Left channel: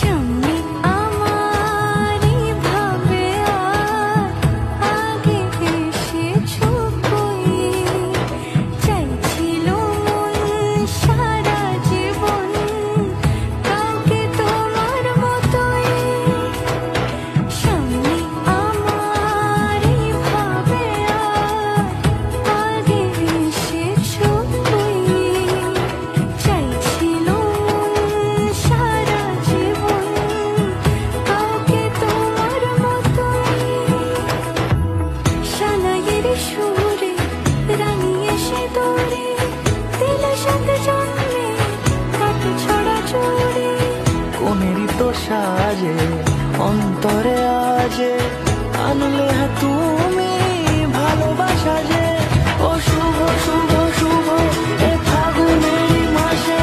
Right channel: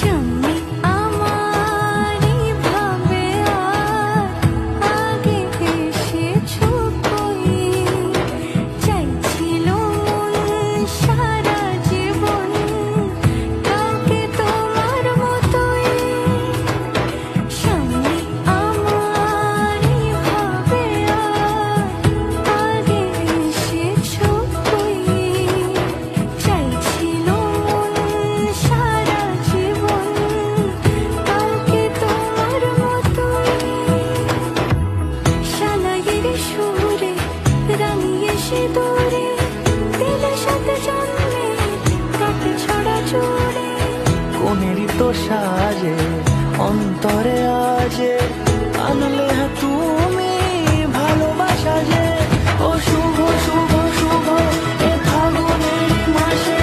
সামনে আমার এইভাবে আর আগে এসেছো কই, চাইছিল মন সারা জীবন কাউকে তোমার মতোই। সামনে আমার এইভাবে আর আগে এসেছো কই, চাইছিল মন সারা জীবন কাউকে তোমার মতোই। শালায়ের সুরে রানী এসে দৌড়ে দিল সাথে জন্মে কাটে ছড়া জোরে। কোনেরই তো সাজে অন্তরে আজে আনলে হ্যাঁ তুমি ভালোবাসা যে। ও শুভ শুভ শুভ এ ফাগুনেরই মাসে